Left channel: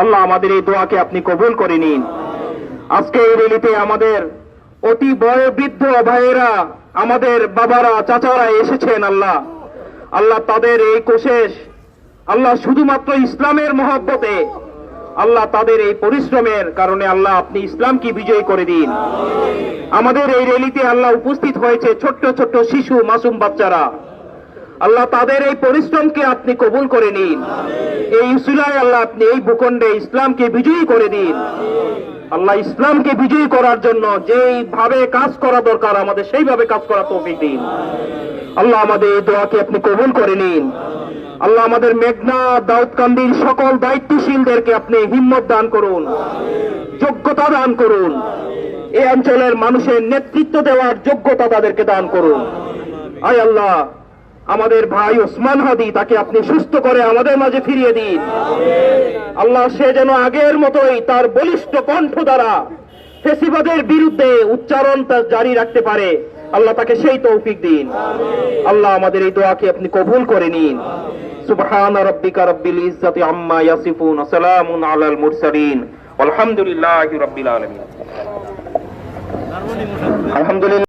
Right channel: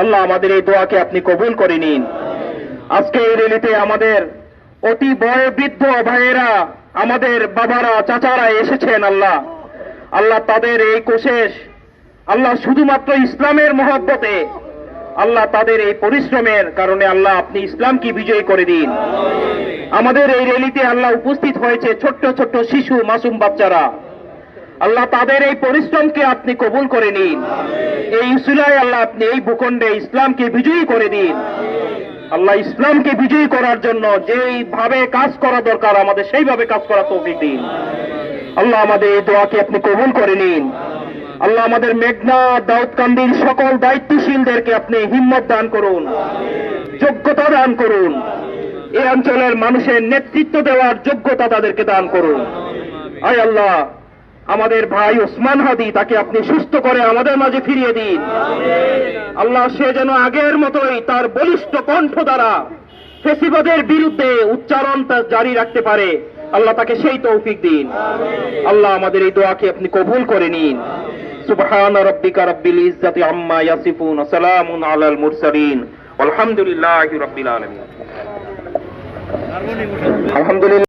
আল্লাহ আমাদের এই দোয়াকে আপনি কবুল করে নিন। আজকে এই র্যালিতে আমাদের অতি বয়োবৃদ্ধ ভাইয়েরা, আমাদের বাবারা, চাচারা এসেছেন। আল্লাহ আল্লাহ তাদের এই কোশেষ আল্লাহ শুধুমাত্র ইসলামের মহব্বতে, আল্লাহ তাদের এই পরিশ্রমের কারণে আল্লাহ আপনি ইসলামকে বিজয়ী করে দিন। আমাদের এই র্যালিতে আল্লাহ উপস্থিত হয়েছে ছোট্ট ছোট্ট শিশু, মাসুম বাচ্চারা। আল্লাহ তাদের এই পরিশ্রমকে আপনি কবুল করে নিন। এই উসিলায় আল্লাহ আপনি এই ভূখণ্ডে ইসলামকে বিজয়ী করে দিন। আল্লাহ ইসলামকে বিজয়ী করার জন্য যেইভাবে কাজ করা দরকার আমাদের সেইভাবে কাজ করার তৌফিক দিন। আল্লাহ আমাদের এই দোয়াকে আপনি কবুল করে নিন। আল্লাহ আমাদের মেঘনা, দাউদকান্দির সকল দায়িত্বশীলদেরকে আপনি হিম্মত দান করুন, যোগ্যতা দান করুন। এই অঞ্চলের মানুষের নেতৃত্ব দেওয়ার যোগ্যতা তাদেরকে দান করুন। আয় আল্লাহ, আমাদের ভাই ওসমান হাদি, তাকে আপনি সুস্থ করে আমাদের মাঝে ফিরিয়ে দিন। আল্লাহ সে যেন আগের মতোই তার বলিষ্ঠ কণ্ঠ দ্বারা ফেসিবাদের বিরুদ্ধে উচ্চারণ জারি রাখতে পারে। আল্লাহ তাকে সেই তৌফিক দিন। আল্লাহ আমাদের এই দোয়াকে আপনি কবুল করে নিন। সুবহান রাব্বিকা রাব্বিল ইজ্জাতি আম্মা ইয়াসিফুন, সালামুন আলাল মুরসালিন, আলহামদুলিল্লাহি রাব্বিল আলামিন। আলহামদুলিল্লাহ।